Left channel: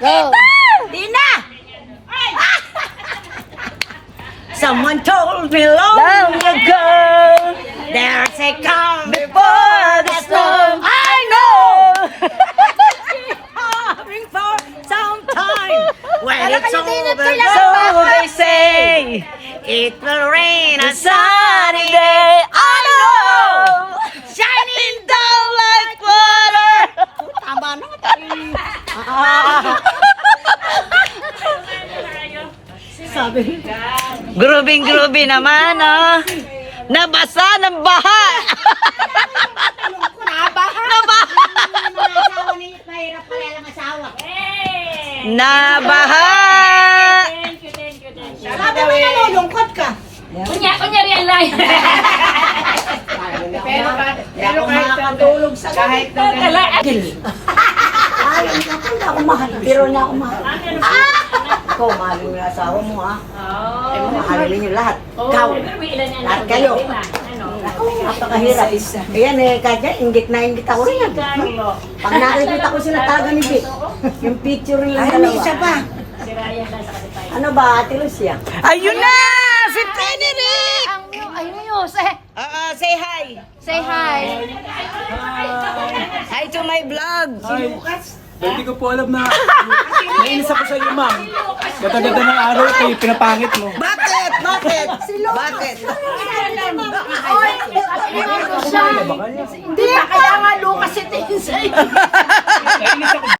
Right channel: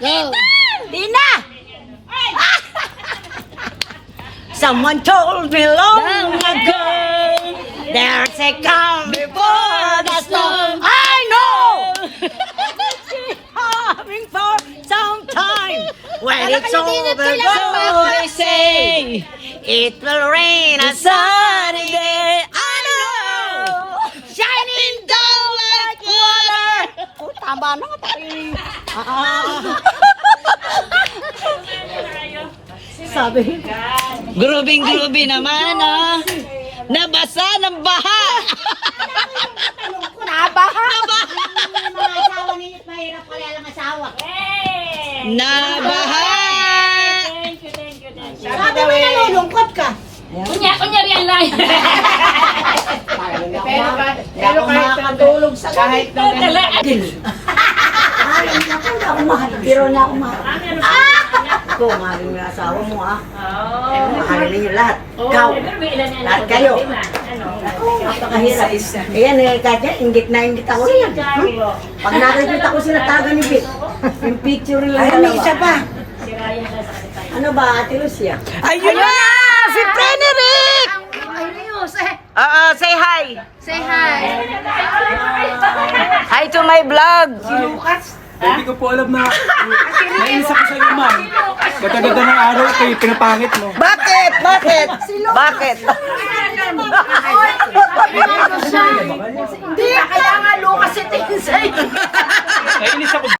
Go! Tina! Someone told me long ago there's a calm before the storm. I know! Coming for some time when it's over. So they say, It will rain a sunny day. I know! Shining down like water. Tama na Sabi. grooving naman, oh. Nabasa ng baha. Nabaha. Asawa ninyo, mahirap pala lang asawa. Nabaha. Sabi mo nalulungkot ka. Kunya-kunyari ang layo. Pero kahit makakatulog sa kahit na Pero na ako mahal. Ako, mahalin mo yung asawa mo, ha? Mahalin ninyo lahat. Ikaw, lahat kayo. Napakahirap. Ayan eh, kaya inggit na inggit ako rin. Pag nakikita ko sila taga ni Vic, yung picture lang dalawa. Ay, may isa pa. Ano ba, Ate Lucia? Ayun na! Si Frederick! Ay, News, eh. Say hi. Say hi. Hi to my vlog. Hindi ko po alam na nainis ako sa iyo, ma'am. Ganda-ganda ng araw kayo, pinapangit mo. Bakit? Bakit? Bakit? Hindi, kaya nga Lucas ito sa'yo. Nainis ako.